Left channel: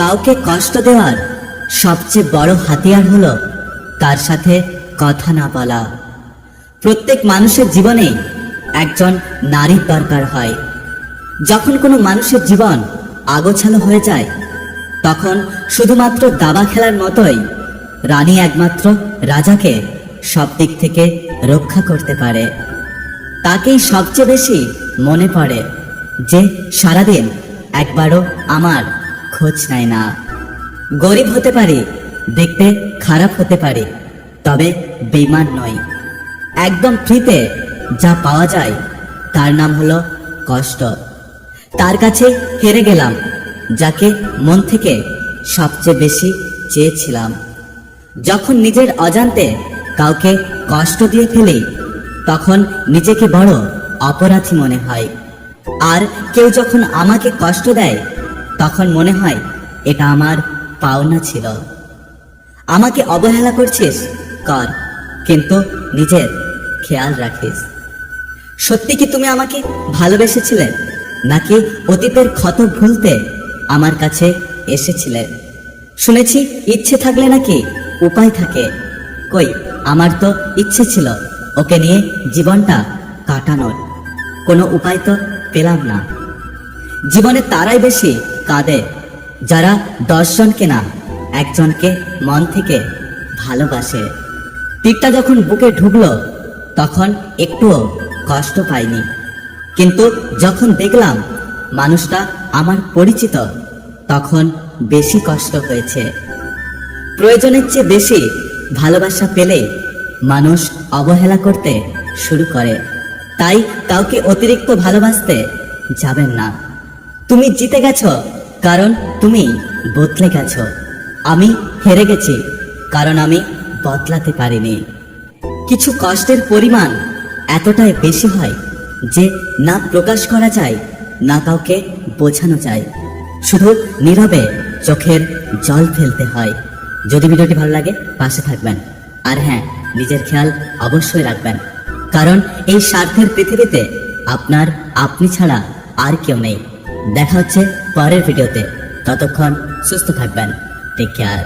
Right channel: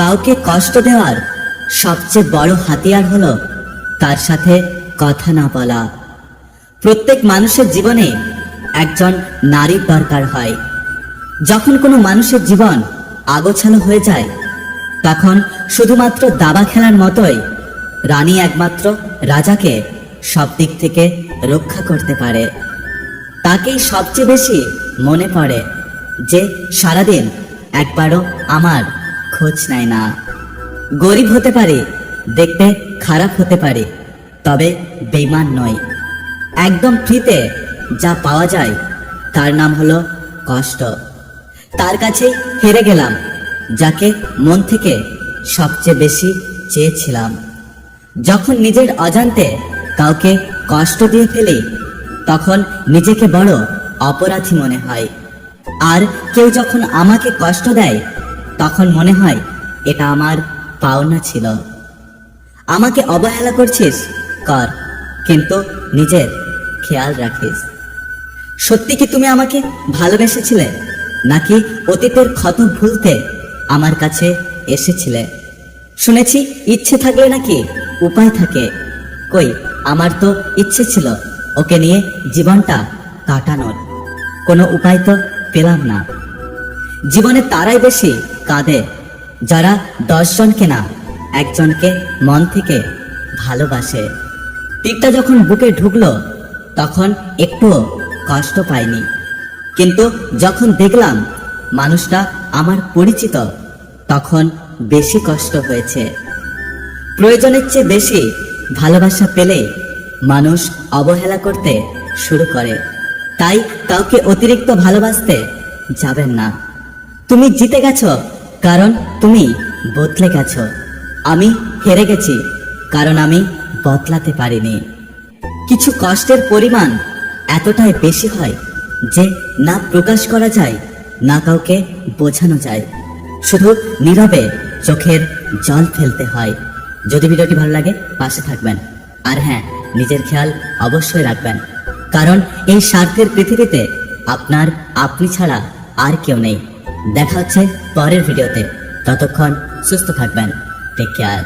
কাউকে কষ্ট দেওয়ার সবচেয়ে বড় হাতিয়ার হলো তার সাথে কথা না বলা। প্রত্যেক মানুষের জীবনে একজন নারীর দরকার হয়। যখন কোনো মানুষের জীবন আগোছালো হয়ে যায়, তখন শুধুমাত্র দাবা খেলার মতোই রানী একমাত্র রাজাকে সব দিক থেকে রক্ষা করতে পারে। তাকেই সবচেয়ে বেশি মনে পড়ে, যে সারাদিন একবারও আমার খোঁজ নেয় না। গরিব হতে পারি, দেখতে খারাপ হতে পারি, তবে বেঈমান নয়। একদম ফ্রিতে যা পাওয়া যায় তার নাম হলো কষ্ট। তার কাছে হেরে গেলাম, যাকে মন থেকে সবচেয়ে বেশি চেয়েছিলাম। যখন নিজের অজান্তে কাউকে কষ্ট দিয়ে ফেলি, তখন নিজেকে বড় অপরাধী মনে হয়। আর কেউ যখন আমাকে কষ্ট দেয়, তখন মনে হয় এটা আমার পাওনা ছিল। আমাকে অবহেলা করছিস কর, কিন্তু নিজের খেয়াল রাখিস। সত্যি কি তুমি আমাকে ভালোবেসেছিলে, নাকি অতীতের ক্ষত ভুলতে আমার কাছে এসেছিলে? শুনেছি ইচ্ছে থাকলে নাকি উপায় থাকে। কই, আমার তো ইচ্ছে ছিল ওকে নিয়ে জীবনটা কাটানোর, কোনো উপায় তো পেলাম না। জীবনে তারাই বেশি কাঁদে যারা 10 জনকে না, একজনকে মন থেকে ভালোবাসে। তীরটা যখন বুকে ঢুকলো, তখন একটুও কষ্ট পাইনি, কিন্তু যখন দেখলাম মানুষটা আমার পরিচিত, তখন বেশি কষ্ট হয়েছে। প্রয়োজনের চেয়ে বেশি ভালোবাসা পেলে মানুষ অবহেলা করতে শুরু করে। তাই কাউকে অতিরিক্ত ভালোবাসতে যাবেন না। তুমি জিতে গেছো কারণ তুমি বদলে গেছো। আমি হেরে গেছি কারণ আমি বদলাতে পারিনি। কিছু কষ্টের পরিমাণ এতটাই বেশি হয় যে না প্রকাশ করা যায়, না কাউকে বোঝানো যায়। শুধু নীরবে চোখের জল ফেলতে হয়। যদি ভিডিওটি ভালো লাগে পাশে থাকবেন, আর হ্যাঁ, নিজের খেয়াল অবশ্যই রাখবেন, কারণ এই স্বার্থের পৃথিবীতে আপনার আপনি ছাড়া আর কেউ নেই। দেখা হচ্ছে পরের ভিডিওতে। ততক্ষণ সুস্থ থাকবেন। Take care.